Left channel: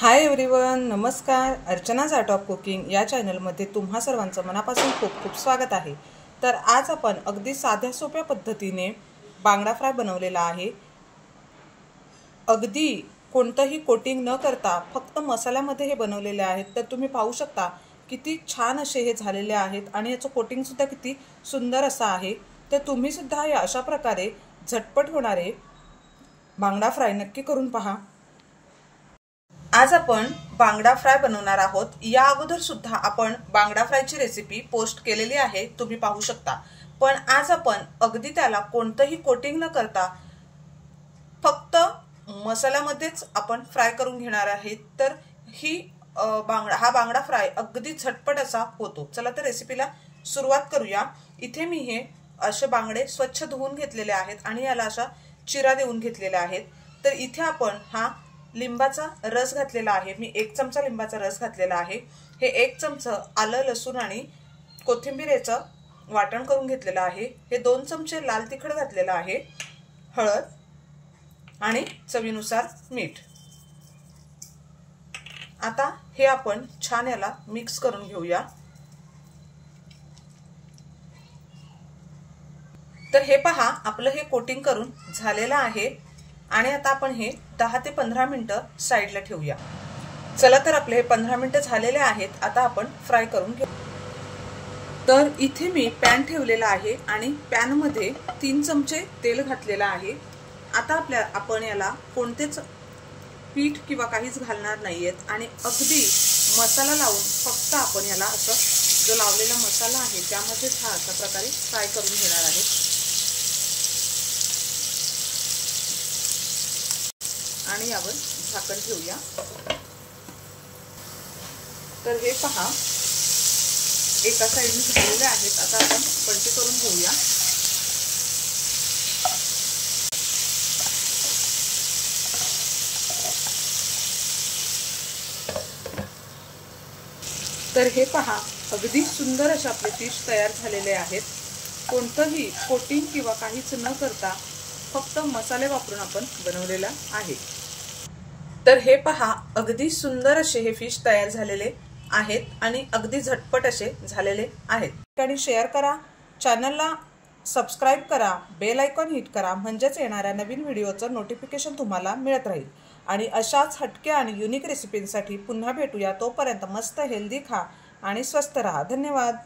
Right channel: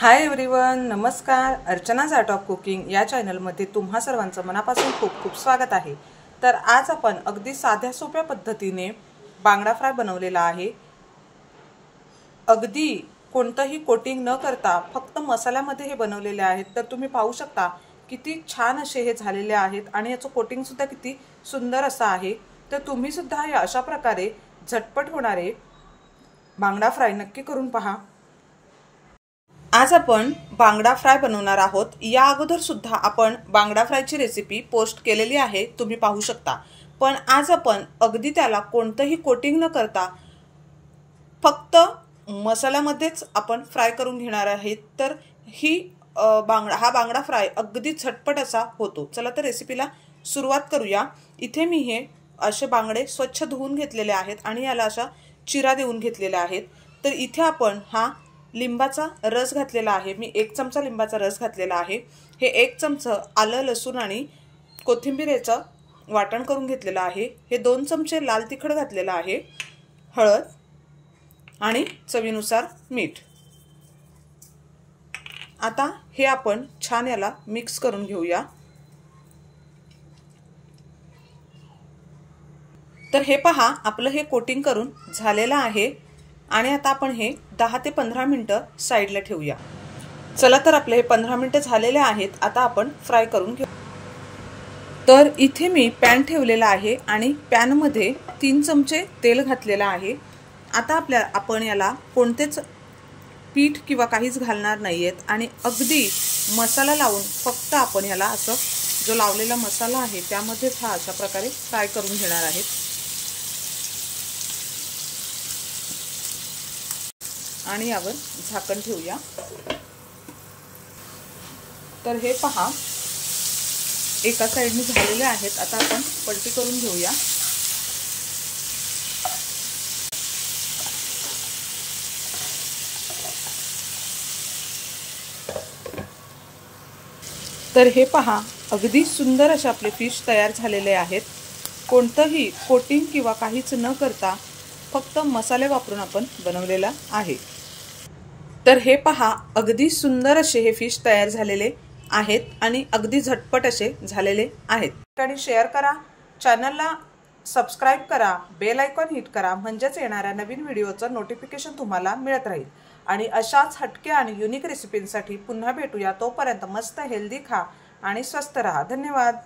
Hi everyone, नमस्कार। अर्चनाज art of cooking या चॅनलमध्ये तुम्हा सर्वांचं मनापासून खूप खूप स्वागत आहे। तर आज आपण अगदी साध्या सोप्या पद्धतीने बांगडा फ्राय बनवलेला आहे। अगदी कोणतंही कोटिंग न करता फक्त मसाल्यामध्ये हे बनवलेले आहेत। तर तुम्ही पाहू शकता किती छान असे हे झालेले आहेत आणि याचं कोटिंग सुद्धा किती सुंदर असं आहे। तर तुम्ही सुद्धा हे अशा प्रकारे झटपट होणारे बांगडा फ्राय नक्की करून पहा। आज आपण बांगडा फ्राय बनवणार आहोत। या अगोदर सुद्धा आपण बांगडा फ्रायची रेसिपी पोस्ट केलेली आहे, तुम्ही पाहू शकता। पण आज आपण अगदी त्याला कोणतंही कोटिंग न करता फक्त मसाल्यामध्येच आपण फ्राय करून घेणार आहेत। तर ही हा बांगडा फ्राय अगदी झटपट असा होतो। चला तर रेसिपीला सुरुवात करूया। इथे मी हे असे बांगडे स्वच्छ धुवून घेतलेले आहेत आणि याला अशा चिरा देऊन घेतलेल्या आहेत। तर इथे आपण हा लिंबाचा रस घातलेला आहे। मी 1 चमचा लिंबाचा रस घातलेला आहे। हे 1 चमचा आलं लसूण आणि कोथिंबीरेचं वाटण करून घेतलेलं आहे। हे 2 चमचे लाल तिखट घातलेलं आहे, हळद आणि चवीनुसार मीठ। आता हे आपण छान याला मिक्स करून घेऊया। तर हे पहा, आपलं हे कोटिंग करून झालेलं आहे आणि आता आपण हे 10 ते 15 मिनिटं साइडला ठेवूया। चला तर आपले हे 15 मिनिटं झालेले आहेत। आता आपण फ्राय करून घेऊ। तर इथे मी पॅन ठेवलेला आहे आणि पॅन मध्ये 3 चमचे तेल घातलेला आहे। आता आपण याला कोणतेच पीठ किंवा काहीच घालणार नाहीयेत आणि अगदी मसाला लावून फक्त आपण याला असं जो लावलेला मसाला आहे त्यामध्येच हा अशा प्रकारे फ्राय करून घेणार आहे। आणि यावर झाकण ठेवूया। तर हे पहा, एका साइडने झालेले आहेत। आता आपण पलटी करून घेऊया। तर हे पहा, अगदी सुंदर असे आपले फिश तयार झालेले आहेत। कोणतंही कोटिंग किंवा काहीच न करता फक्त मसाले वापरून आपण बनवलेला आहे। तर हे पहा, अगदी सुंदर असे हे फिश तयार झालेले आहेत आणि अगदी झटपट असे झालेले आहेत। आणि शेअर करा, चॅनलला सबस्क्राइब करा, बेल आयकॉन हिट करा, म्हणजेच येणाऱ्या नवीन व्हिडिओचं नोटिफिकेशन तुम्हाला मिळत राहील। आणि अशाच हटके आणि युनिक रेसिपींसाठी पुन्हा भेटूया। तोपर्यंत मस्त हेल्दी खा आणि स्वस्थ रहा। धन्यवाद।